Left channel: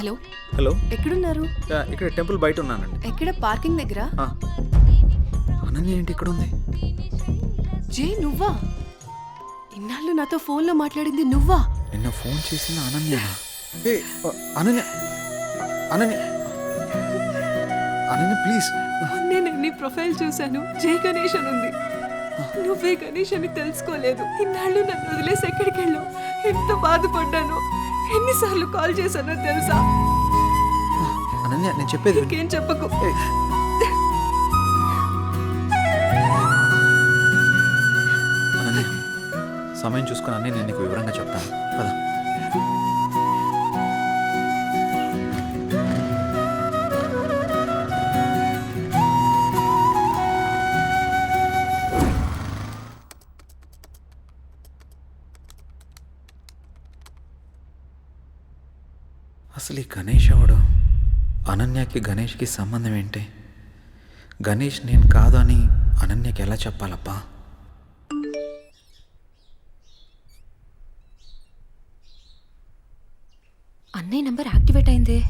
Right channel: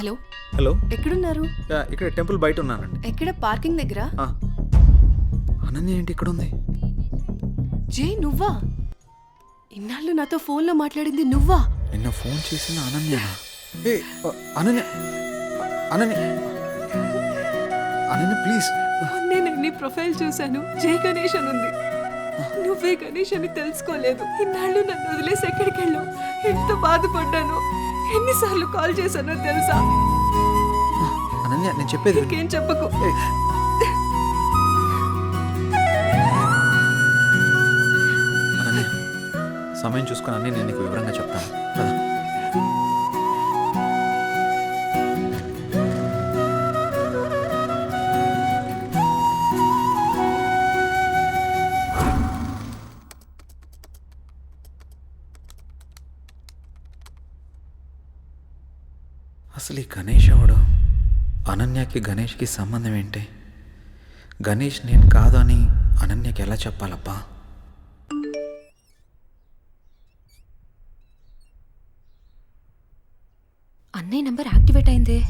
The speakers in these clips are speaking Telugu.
హలో హలో ఎక్కడున్నారు? ఇక్కడ టెంపుల్ బయట ఉన్నానండి. ఎక్కడ? పార్కింగ్ దగ్గర. అనన్య ఏంటి ఇక్కడ ఉంది? జే నువ్వా? ఇన్నాళ్ళు నాతో ఫోన్లో మాట్లాడింది నువ్వా? నిన్న ఫోన్ చేసిన అనన్య. అనన్య అనన్య అనన్య ప్లీజ్. నేను నీ ప్రొఫైల్ చూశాను, జై గణేష్ అని ఉంది. నువ్వే గణేష్ అని తెలుసుకోలేదు. ఇన్నాళ్ళు నన్ను వదిలేసి ఎక్కడికి వెళ్ళావు? ఎంత బాధపడ్డాను, ఎన్నిసార్లు కాల్ చేశానో తెలుసా? అనన్య నేను చెప్పేది ఇంకేం చెప్పకు. అనన్య సమయం చూసుకుని అన్నీ నేను నీకు వివరంగా చెప్తాను కదా. అసలు ఈ గణేష్ ఎవడు? అనన్యకి గణేష్కి సంబంధం ఏంటి? గణేష్ నేను కాదు అని అనన్యకి ఎలా చెప్పాలప్పా? అన్నయ్య నంబర్ యాక్టివేట్ అయిందే.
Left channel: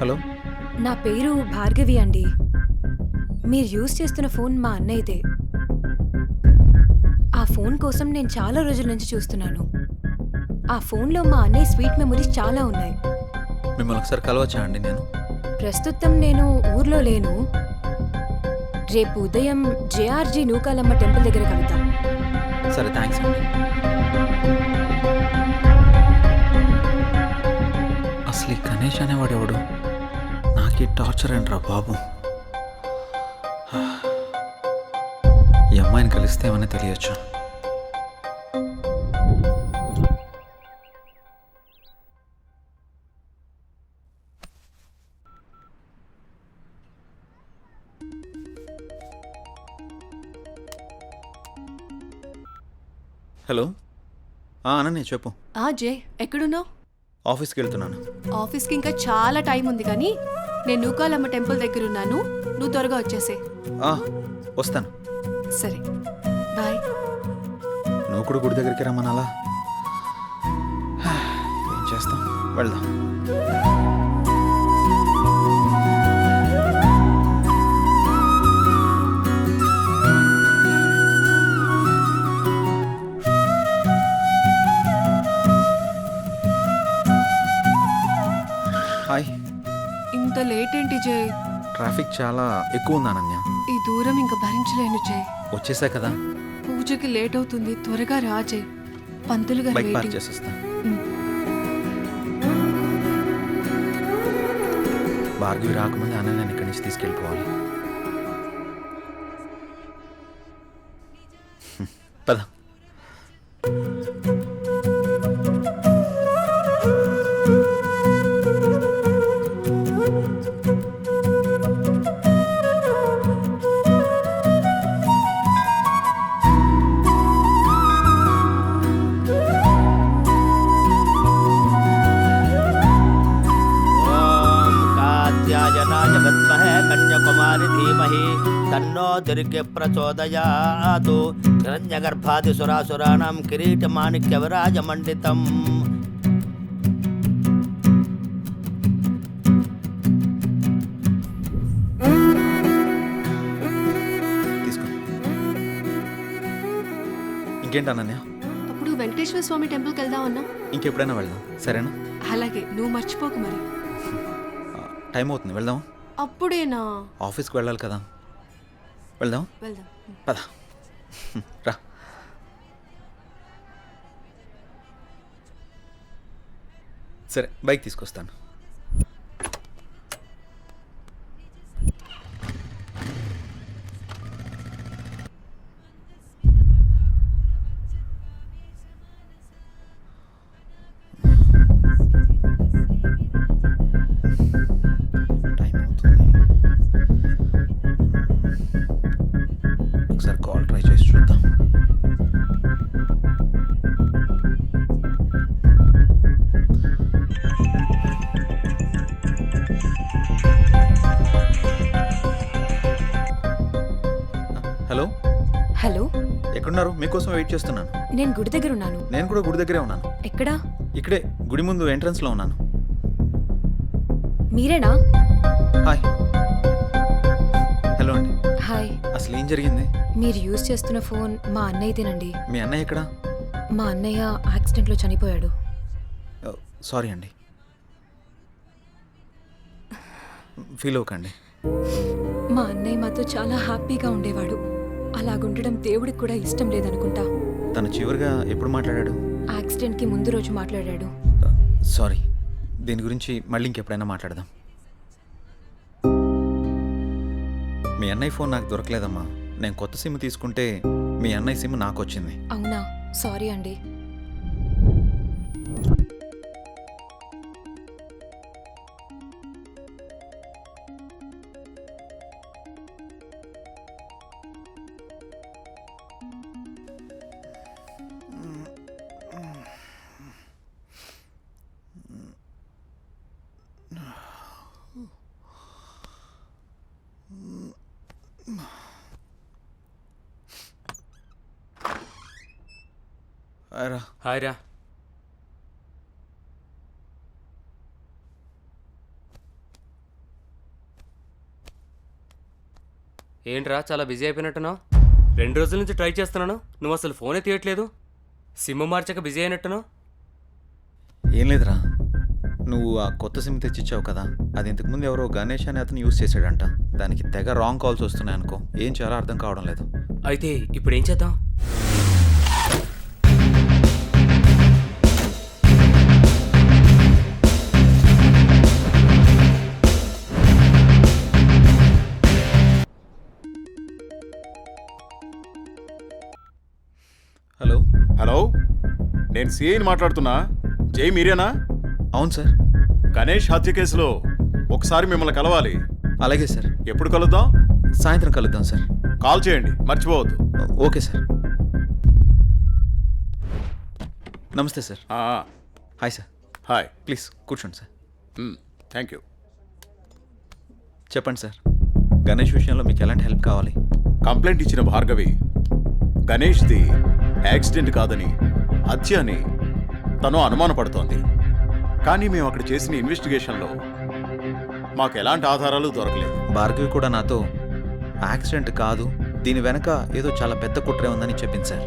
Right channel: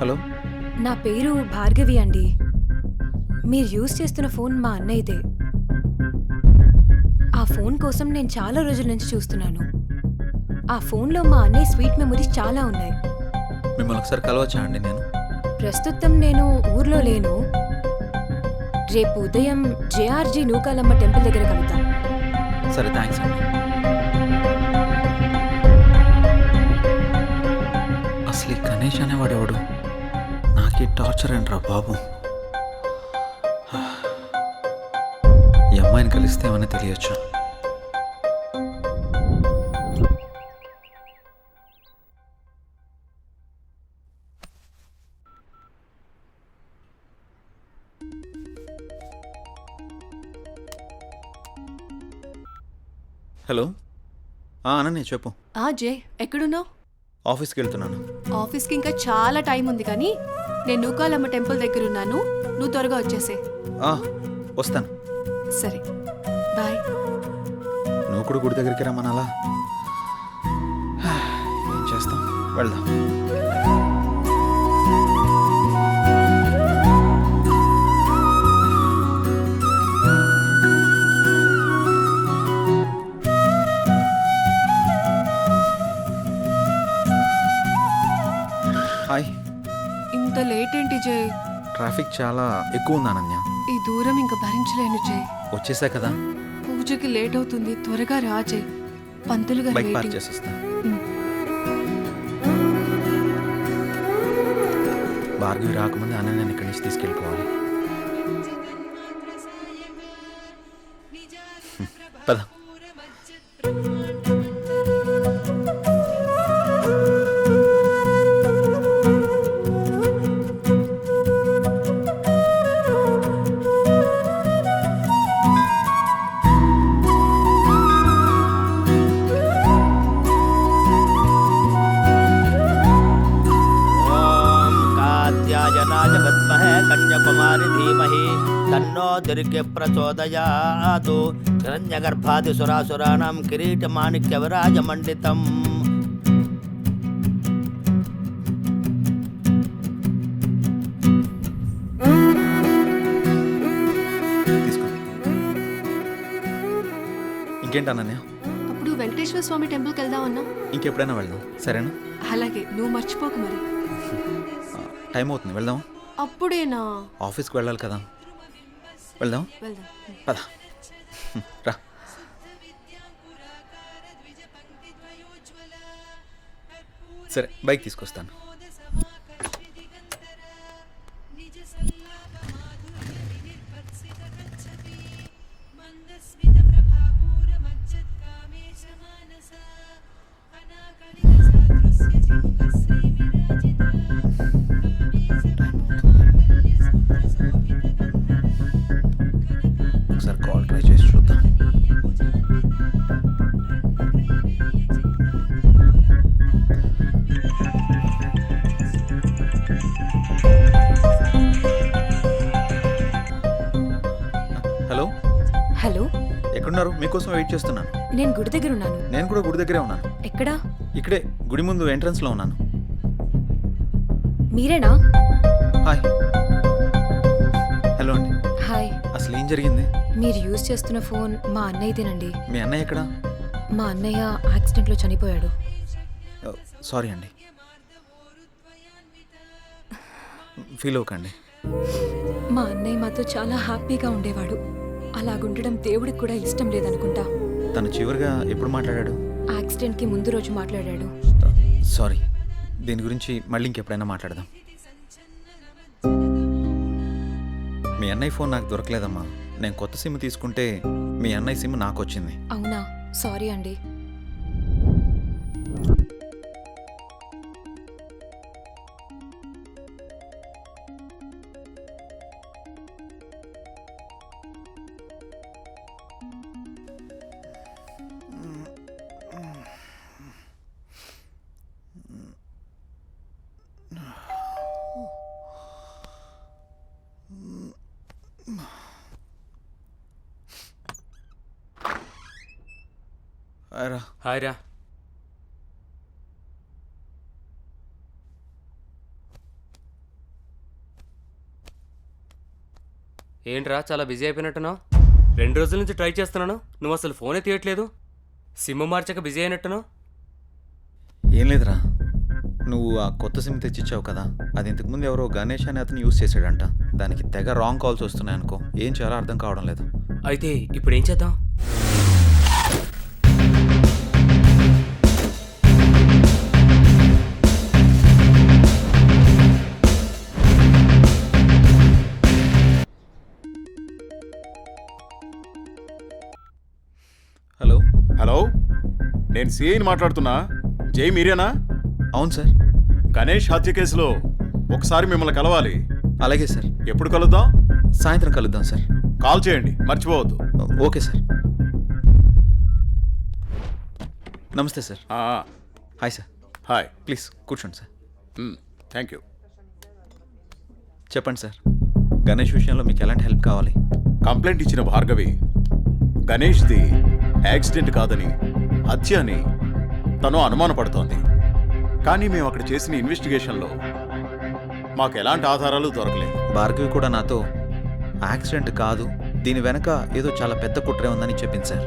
హలో, నా పేరు భార్గవి అండి. మీరు యూజ్ చేస్తున్న ఫోన్ మా అన్నయ్యదే. ఆ ఫోన్ కోసం నేను చాలా రోజుల నుంచి చూస్తున్నాను. ఆ ఫోన్లో మా అన్నయ్య స్వీట్ మెమరీస్ చాలా ఉన్నాయి. మిమ్మల్ని ఒకసారి కలవచ్చా అండి? నేను ప్రస్తుతం నేను ఊర్లో లేను. రేపు ఉదయం జేఆర్జీ నూకాలమ్మ టెంపుల్ దగ్గర కలుద్దాం. సరే, థ్యాంక్స్ అండి. అసలు ఈ గణేష్ అనేవాడు ఎవడు? నాకీ టార్చర్ ఏంట్రా బాబు. ఈ అమ్మాయిని కలిస్తే ఏమన్నా తెలియచ్చు. హలో, అనన్య చెప్పు. జే ఎక్కడున్నావు? ఆఫీస్కి వెళ్తున్నాను. ఆఫీస్కి ఇంకా చాలా టైం ఉంది, కానీ నేను నూకాలమ్మ టెంపుల్ దగ్గర ఉన్నాను. నువ్వు త్వరగా వచ్చేసే. వస్తాను. సరే, బాయ్. నువ్వు కూడా గుడి దగ్గరికి రమ్మనాలా? ఏం చేస్తాం, వెళ్దాం. హాయ్. ఇంత లేట్ ఏంటి జే? ట్రాఫిక్ చాలా ఎక్కువ ఉంది అనన్య. ఈ దూరం ఇంకా భరించలేను జే. వచ్చేసా కదా. పూజకి లేట్ అవుతుంది, త్వరగా రా జే. పంతులు గారు బైక్ పార్క్ వెయిటింగ్. చేసేస్తా. భార్గవి రాకముందే అనన్యని ఇక్కడి నుంచి తీసుకెళ్ళిపోవాలి. పద. जनाय विद्महे कन्याकुमारी धीमहि तन्नो दुर्गे प्रचोदयात् हिरण्यगर्भादिसुरासुराणां किरीटमाणिक्यविराजमण्डितम् తీసుకో. ఇంకేంటి అనన్య? అప్పుడు వెంకటేశ్వర స్వామి టెంపుల్కి వెళ్దామన్నా. ఇంకెప్పుడైనా వెళ్దాం, సరేనా? అలాగే, నువ్వు మర్చిపోకు మరి. టైం అవుతుంది, వెళ్దాం. అప్పుడేనా? ఆఫీస్కి వెళ్ళాలి కదా. వెళ్దాం. వెళ్దాం. పద. రా. సరే, బైక్ తీసుకొస్తాను. ఒకసారి కాల్ ట్రై చేసి చూద్దాం. హలో, హలో, ఎక్కడున్నారు? మీకోసం వెయిట్ చేస్తున్నాను. నేను గుడి దగ్గర ఉన్నాను. నేను కూడా గుడి దగ్గరే ఉన్నాను. ఎక్కడా? ఇక్కడే గుడి ముందు ఎంట్రన్స్లో ఉన్నాను. మీరేనా? హాయ్. హలో అండి. హాయ్. అసలు ఏం జరిగింది? మీరు యూజ్ చేస్తున్న ఫోన్ మా అన్నయ్యదేనండి. మీ అన్నయ్య ఎక్కడా? మా అన్నయ్య యాక్సిడెంట్లో చనిపోయాడు. సారీ అండి, ఫీల్ అవ్వకండి. మా అన్నయ్య మాతో చాలా హ్యాపీగా ఉండేవాడు. అలాగుండడం దేవుడికి కూడా ఇష్టం లేదనుకుంటా. తను చివరిగా ఎప్పుడు మాట్లాడాడు? యాక్సిడెంట్కి ముందు రోజు మాట్లాడాడు. సారీ, దీని గురించి మళ్ళీ ఇంకెప్పుడైనా మాట్లాడదాం. మీ అన్నయ్య ఫోన్ నాకు దొరకలేదమ్మా. నేను కొత్త సిమ్ తీసుకుంటే మీ అన్నయ్య సిమ్ నాకు వచ్చింది. అవునా? సారీ అండి. హాయ్ రా. ఏంట్రా చాలా బిజీ అయిపోయినట్టున్నావు? 2 రోజుల నుంచి ట్రై చేస్తున్నాను, నువ్వు అసలు ఫోనే తీయట్లేదు. సిమ్ మార్చక బిజీ అయినట్టున్నావు. ఏం లేదురా, నువ్వు ఆ కొత్త సిమ్ తెచ్చిచ్చావు కదా, అది ఇంతకుముందు ఎవరో గణేష్ అని అతను యూస్ చేశాడంట. దానికి తెగ రాంగ్ కాల్స్ వస్తున్నాయి అనుకో. ఏం చేయాలో అర్థం కావడం లేదు. అయితే ఇప్పుడు ఏం చేద్దాం? హలో. హలో, నేను సిఐని మాట్లాడుతున్నా. జై మీరేనా? అవును సార్. గణేష్ హత్య కేసులో ఒకసారి మిమ్మల్ని కలవాలి. అలాగే సార్. ఎప్పుడు కలుద్దాం? సాయంత్రం కలుద్దాం సార్. కాల్ చేయండి, మర్చిపోవద్దు. Okay sir. నమస్తే sir. Hi sir. Hi. Please కూర్చోండి సార్. Thank you. చెప్పండి సార్, గణేష్ విషయంలో మీకు ఎలాంటి హెల్ప్ కావాలి? కంప్లైంట్ ఇచ్చిన భార్గవి గణేష్ది యాక్సిడెంట్ కాదని హత్య అని తను అనుమానపడుతోంది. కానీ మేము అక్కడ చేసిన ఇన్వెస్టిగేషన్లో మాకు ఎలాంటి ఆధారాలు దొరకలేదు. భార్గవి కూడా నాతో యాక్సిడెంట్ కాదు, దీని వెనక ఏదో చాలా పెద్ద కుట్రే ఉందని చెప్పింది సార్.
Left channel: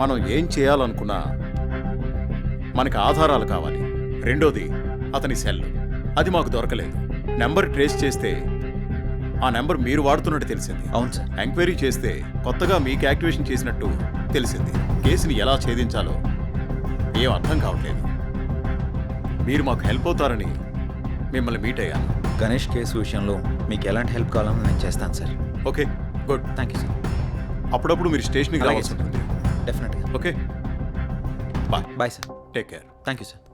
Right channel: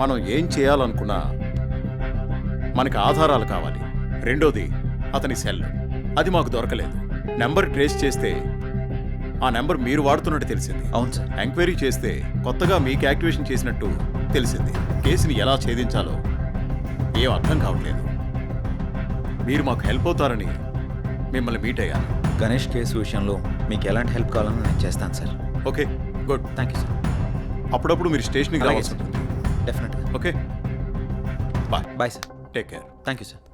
మనం ఏం చేయాలనుకున్నా మనకి ఆధారాలు కావాలి. రెండోది అతని సెల్, అది మాకు దొరకలేదు. నెంబర్ ట్రేస్ చేస్తే ఆ నెంబర్ మీరు వాడుతున్నట్టు తెలిసింది. అవును సార్. ఎంక్వైరీ చేస్తే కొత్తగా మీకు యాక్టివేషన్ చేసినట్టు తెలిసింది. కేసుని ఎలా ఛేదించాలో ఏం అర్థం కావట్లేదు. మీరు మాకు హెల్ప్ అవుతారని మిమ్మల్ని మీట్ అయ్యాను. గణేష్ కేసు విషయంలో మీకు ఎలాంటి హెల్ప్ కావాలని నేను చేస్తాను sir. Okay, good. Thank you sir. అప్పుడప్పుడు మీరు స్టేషన్కి అలాగే రావాల్సి సార్. ఉంటుంది. డెఫినెట్గా. Okay, bye. Bye sir. Take care. Thank you sir.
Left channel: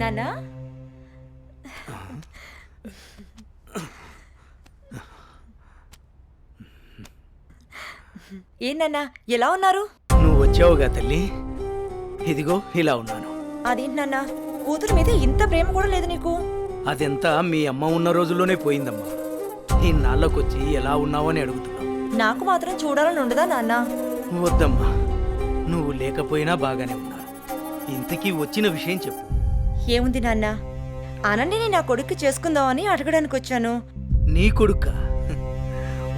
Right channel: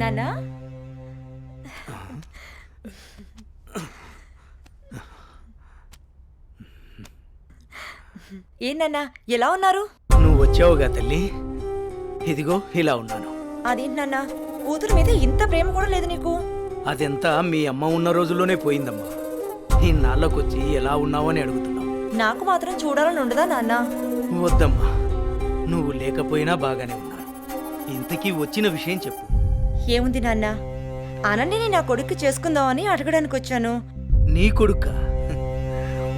నానా, ఏంటన్నా ఎలా ఉన్నారు? నువ్వు వచ్చావుగా తల్లి, ఇదిగో ఇలా ఉన్నాను. అదేంటి నాన్న, కూతురు మీద ఇంత ప్రేమ కూడా లేదు నీకు? అదంతా మీ అమ్మ ఉన్న రోజుల్లోనే పోయిందమ్మా. ఇన్నాళ్ళకొచ్చి ఎలా ఉన్నావు అని అడుగుతున్నావు. నాకు మాత్రం చూడాలని ఉండదా నాన్న? వద్దమ్మా, నువ్వు లేకపోయినా బాగానే ఉన్నాను. ఇంతకీ వచ్చిన విషయం చెప్పు. ఏముంది నాన్న, అనన్యని నా కొడుక్కి చేసుకుందామని అడగడానికి వచ్చాను. నీ కొడుక్క?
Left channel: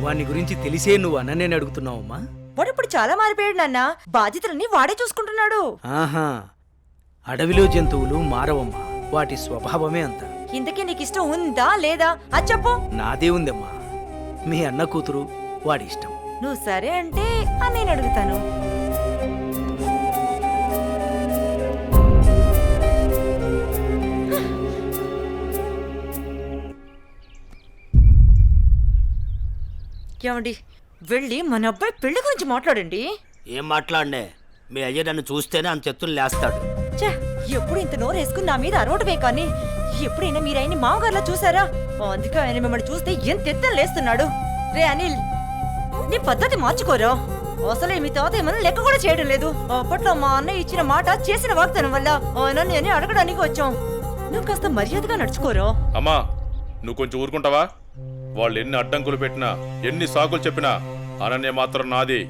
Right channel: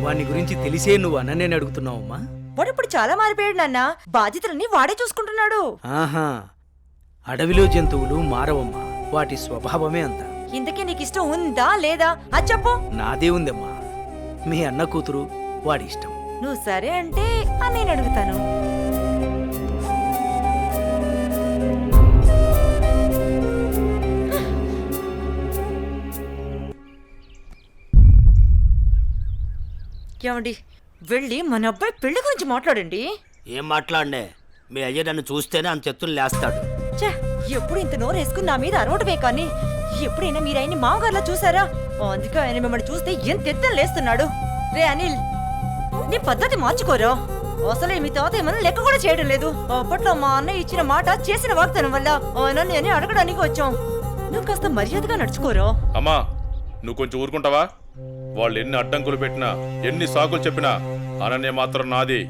వాని గురించి తెలిసే నువ్వు అనన్యని అడుగుతున్నావమ్మా? వాడు ఇప్పుడు చాలా మారిపోయాడు నాన్న, బాధ్యతలన్నీ వాడే చూసుకుంటున్నాడు. ఆహా, అడవిలో జంతువులు మారవమ్మా, వాటి స్వభావమే అంత. ఇంతకీ నీకు ఇష్టం ఉందా లేదా అది చెప్పు. నాదే ఉందమ్మా, మీ అన్న కూతురు, వాడి ఇష్టం. నువ్వు సరే అంటే నేను అడుగుతాను. ఏమండి, వెళ్ళి మన అబ్బాయి పెళ్లి గురించి మాట్లాడండి. ఏం మాట్లాడనే? మీ అయ్య నన్ను చూస్తేనే అంత ఎత్తులు లేస్తాడు. ఛే, ఎప్పుడు ఇంత నోరు వేసుకుని నా మీద అరవటమే కానీ ఎప్పుడైనా మీరు ఆయన్ని మామగారులా చూసారా? అందుకే ఆయన మిమ్మల్ని చూస్తే ఎంత ఎత్తున లేస్తున్నాడు. రే అనిల్, నీ పద్ధతి మార్చుకోరా. అసలే మీ తాత ఏమన్నా లెక్క కూడా చేయడం లేదు. అప్పట్లో మా అన్నయ్య ఇచ్చిన మాట చేసిన వాగ్దానం వల్ల ఆయన నేను అడగడానికి వచ్చాం. నువ్వు కాస్త మర్యాదగా నడుచుకోరా. అమ్మా నువ్వు కొంచెం ఊరుకుంటావా? వాళ్ళు ఎన్ని అడ్డంకులు పెట్టినా ఎన్ని సాకులు చెప్పినా అనన్య మాత్రం నాది.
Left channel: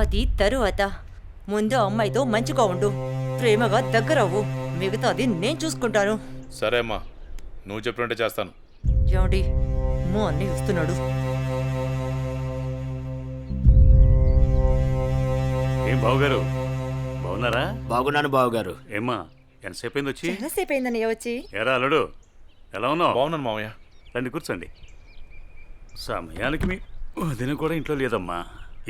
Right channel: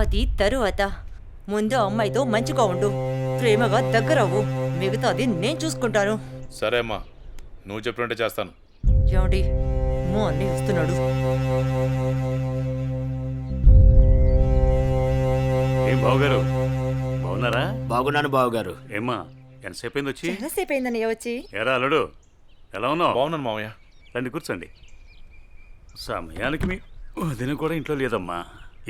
అది తరువాత. ముందు అమ్మాయితో మంచిగా ఉండు, ప్రేమగా దగ్గరవ్వు. మిగతాది నేను చూసుకుంటాను. సరే అమ్మా, నువ్వు చెప్పినట్టే చేస్తాను. ఏమండి, మా అన్నయ్య వస్తున్నాడు. ఏం బావగారు బాగున్నారా? బాగున్నాను బావగారు. ఏమ్మా ఎంతసేపు అయింది వచ్చి? చాలాసేపు అయిందన్నయ్య వచ్చి. ఎరా అల్లుడు ఎలా ఉన్నావు? బాగున్నాను మామయ్య. రండి కూర్చోండి. సమయానికి మీ వదిన కూడా ఇంట్లో లేదమ్మా.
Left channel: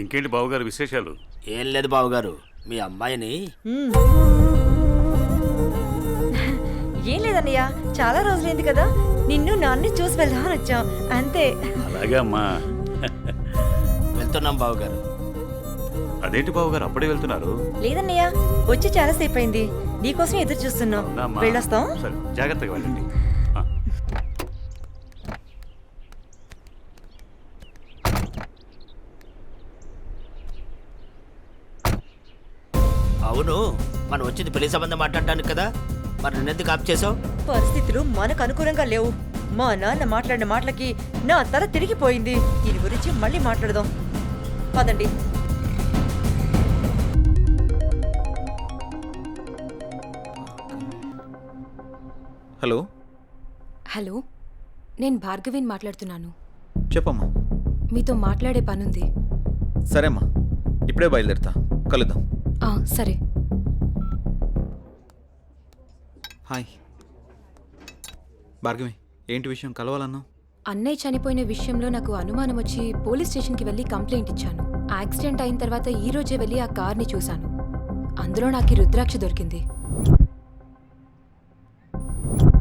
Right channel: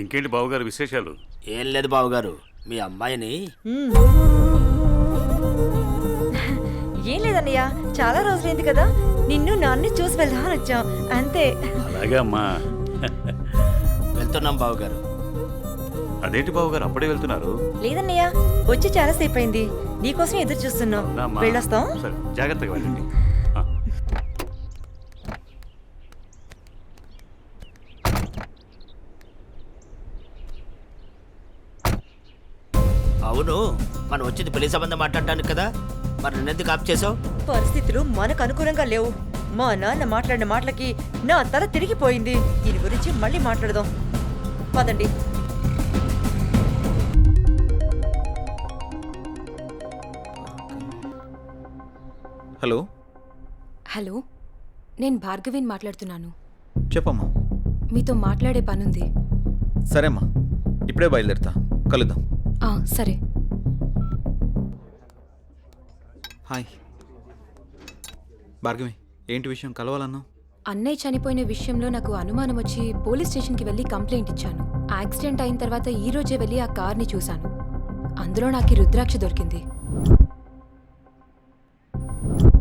ఇంకేంటి బావగారు విశేషాలు? ఏం లేదు బావగారు, మీ అమ్మాయిని ఏం లేదన్నయ్య, చాలా రోజులైంది కదా, నిన్ను నాన్ని చూసి వెళ్దామని వచ్చాం అంతే. అలాగే అమ్మా. వెళ్తున్నాం బావగారు. అదేంటి బావగారు అప్పుడే వెళ్తున్నారు? లేదన్నయ్య, వచ్చి చాలాసేపు అయింది. నీకోసం ఎదురు చూస్తున్నాం. అవునమ్మా. వెళ్ళొస్తాం. సరే జాగ్రత్తగా వెళ్ళండి. ఆ. అవును, మనం వచ్చింది పెళ్లి సంబంధం మాట్లాడటానికి కదా, మరి నన్నెందుకు ఆప్ చేసావు? పరిస్థితులు మనకు అనుకూలంగా లేవు. మా నాన్న మాట్లాడిన మాటలకి నా తల తిరిగిపోయింది. దీని గురించి మళ్ళీ మాట్లాడదాం పదండి. హలో, హలో, నేను భార్గవిని మాట్లాడుతున్నాను. చెప్పమ్మా. మీతో మాట్లాడే పనుంది. సరేమ్మా, ఇప్పుడే బయలుదేరుతా, కలుద్దాం. సరే. హాయ్ భార్గవి, ఏంటి విషయం కలవాలన్నావు? అన్నయ్య చనిపోయిన విషయంలో నాకు అనుమానం వచ్చి పోలీస్ స్టేషన్కి వెళ్ళి కంప్లైంట్ ఇచ్చాను. యాక్సిడెంట్ అయిన తర్వాత ఈ రోజే వెళ్ళి ఆ కార్ని చూశాను. అందులో నాకు ఈ రుద్రాక్ష దొరికింది.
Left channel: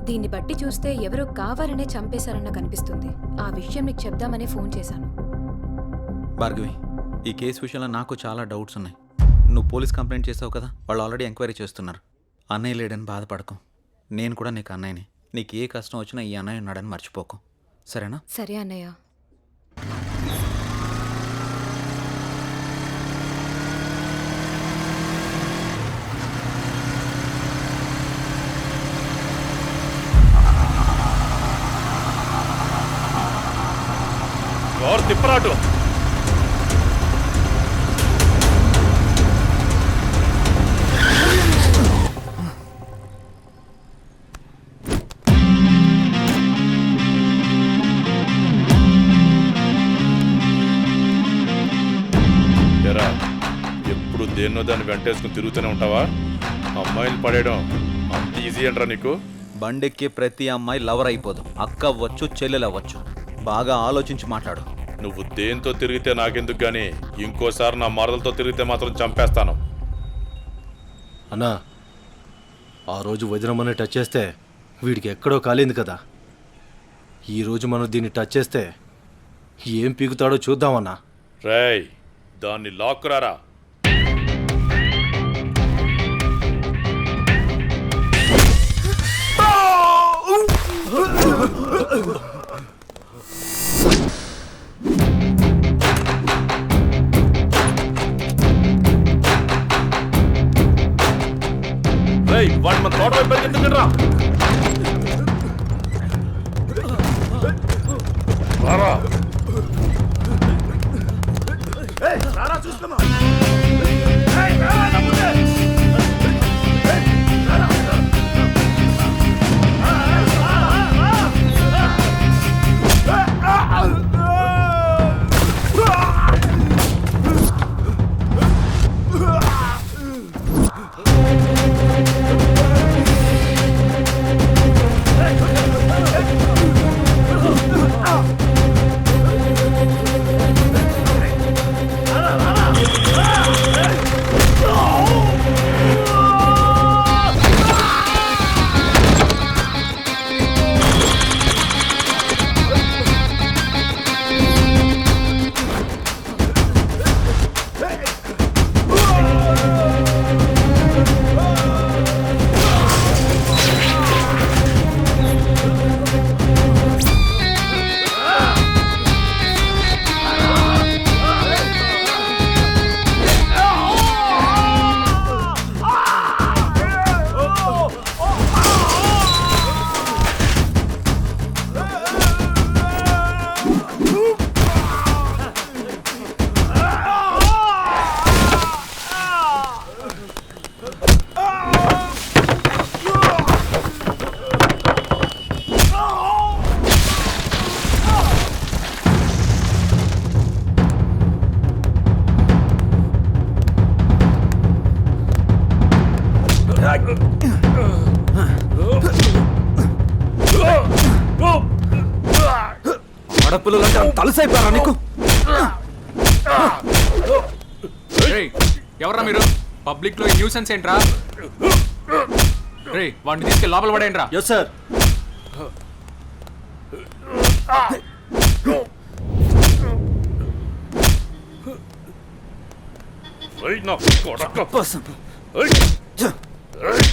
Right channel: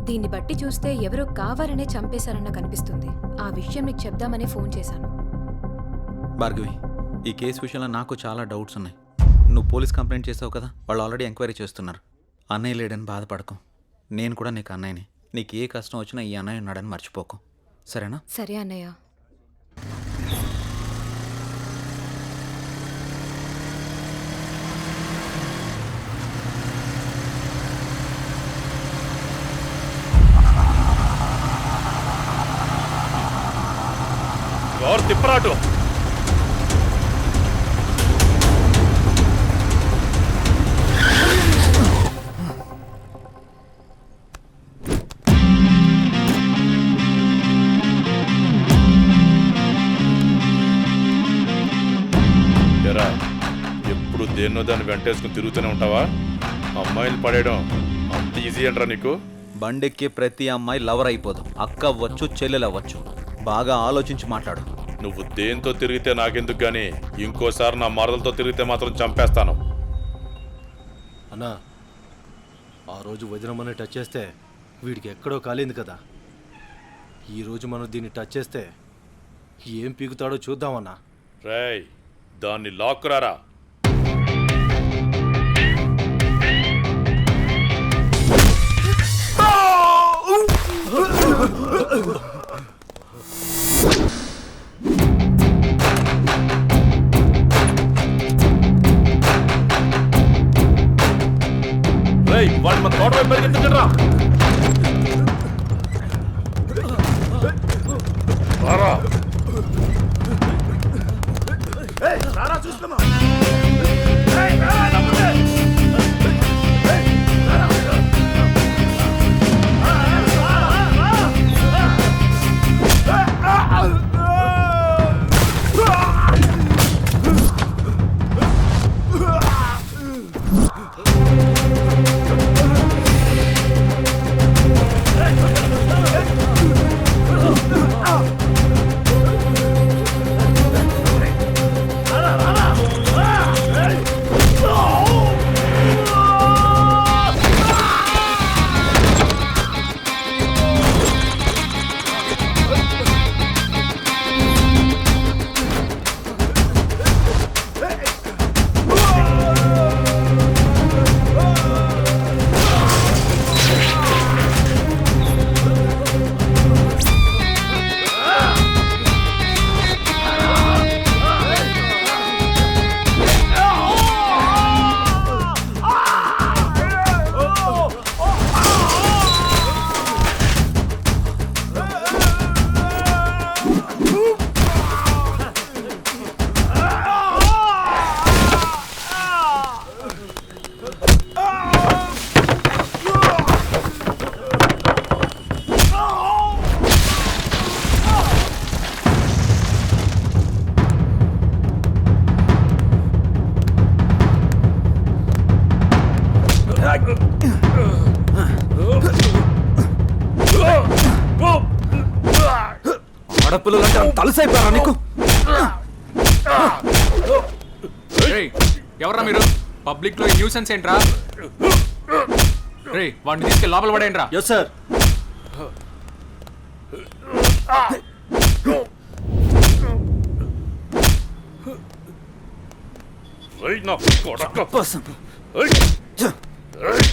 దీన్ని బట్టి చూస్తే ఎవరో కావాలనే చంపేశారన్న కనిపిస్తుంది. ఆ విషయం నీకు చెప్దామనే ఫోన్ చేశాను. భార్గవి, ఈ కేసు విషయంలో నాకు చాలా డౌట్స్ ఉన్నాయి. నువ్వు పోలీస్ కంప్లైంట్ చేసావు కదా, వాళ్ళు ఆల్రెడీ ఎంక్వైరీ చేస్తున్నారు. అన్నయ్య లేడని బాధపడకు, నేను కూడా నీకు అన్నయ్యని. నీకు ఏ కష్టం వచ్చినా ఈ అన్నయ్య ఉన్నాడని మర్చిపోకు, సరేనా? సరే అన్నయ్య. ఎవరు తిప్పరాటు? ఎరా, ఎప్పుడు దేన్నో దాన్ని వెంటేసుకుని తిరుగుతూనే ఉంటావా? అమ్మాయిలు పడేయడం అంత ఈజీ అంటారా నీకు? బండెక్కి ప్రతి అమ్మాయి లవర్ అయిపోదు. అక్క అవ్వచ్చు, చెల్లెలు అవ్వచ్చు. బాగా ఆలోచించి మాట్లాడు. నువ్వు దేంతో తిరిగితే నాకెందుకు గానీ ఇంకోసారి నా మరదలతో తిరిగితే మాత్రం చంపేస్తాను. అన్నా, ఆ రోజు వదినమ్మని టచ్ చేస్తే వీడికి ఎక్కడో కాలింది కదా. ఈరోజు మనం దీన్ని టచ్ చేస్తే ఏం పీకుతాడో చూద్దామన్నా. రేయ్, దాన్ని లాక్కురారా. రేయ్, వాడిని మన తోట వైపు పరిగెత్తుకురా. రారా. ఆడపిల్లలు అంటే అంత తలసైపోయారా నీకు? ఎవరా మీరు? పబ్లిక్ లో న్యూసెన్స్ ఏంట్రా? రే వాడిని తీసుకెళ్ళి లోపల పడేయండి రా. Yes sir. ఏయ్, నా కొడక. పర్సన్. ఏయ్, ఏయ్.